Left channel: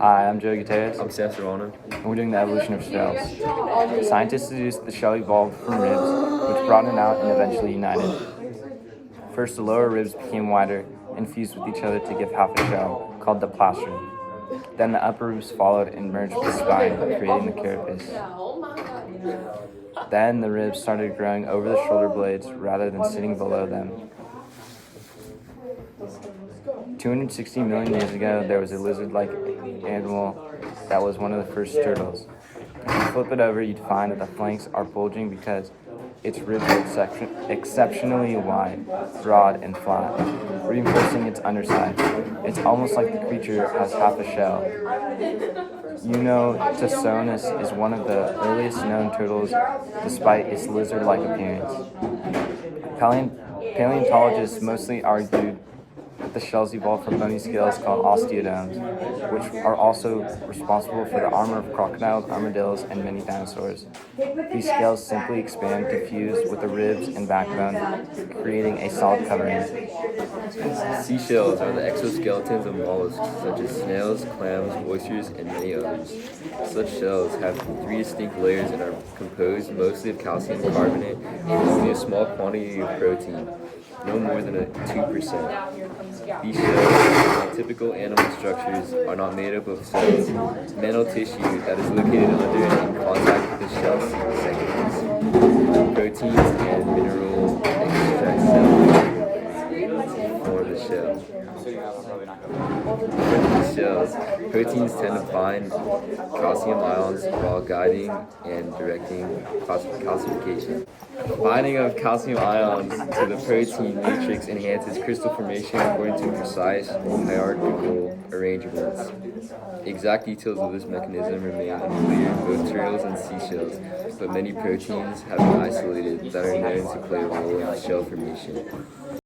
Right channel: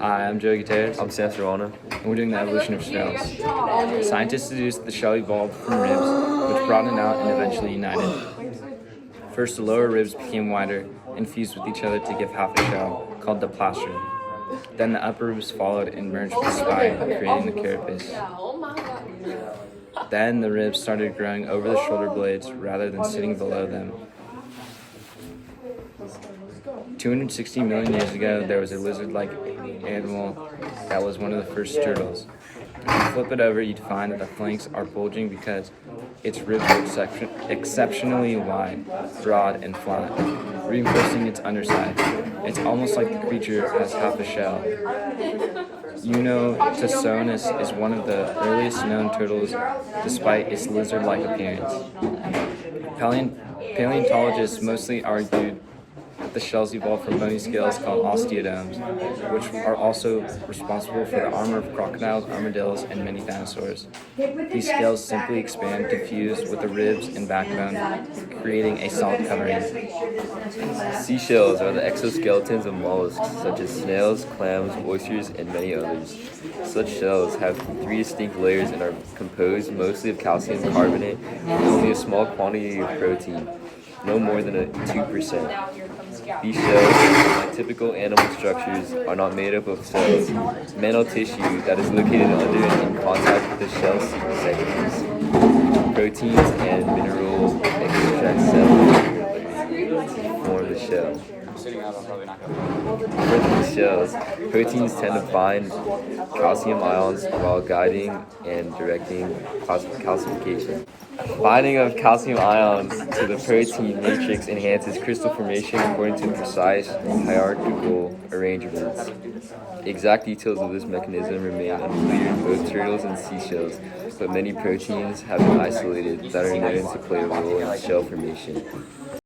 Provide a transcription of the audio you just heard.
Hi, I'm Joe Gutierrez, I'm Sam Serrano. and we're doing the evolution of shells. Scientists deduced the shell evolved from ribs, which broadened out and eventually united. First, the lower ribs became wider and fused with each other to give half a shell, called the plastron. Then the upper ribs followed and merged with the spine, creating the carapace. Then the ribs started growing over the shoulder blades rather than sitting below them. 260 million years ago, there was a lizard-like animal that was one of the first turtles. If you flip it over, you'd find that the flanks are bulging because its ribs are exceptionally wide, broad, and flat, reinforcing its underside. It's almost like the creature has half a shell. Eunotosaurus is one of the earliest known turtles despite its lizard-like appearance. Paleontologists mostly argued that the shells evolved from bony scales called osteoderms, which are also responsible for the armor of crocodiles, armadillos, and many dinosaurs. These scales simply expand to fuse with the ribs and backbone, creating a solid covering. Seashells are the exoskeletons of mollusks such as snails, clams, oysters, and many others. Such shells have three distinct layers and are composed mostly of calcium carbonate with only a small quantity of protein, no more than 2%. These shells, like typical animal structures, are not made up of cells, mantle tissue that is located under and in contact with the shell segments. Proteins and mineral extracellularly to form the shell. For these shells, proteins tend to bind calcium ions while guiding and directing calcification. Binding of calcium ions to the protein matrix enhances crystal formation according to precise hierarchical arrangements. Exact details of this mechanism remain unclear in both turtles and seashells, but many proteins have been isolated that are known to play a role in shell formation.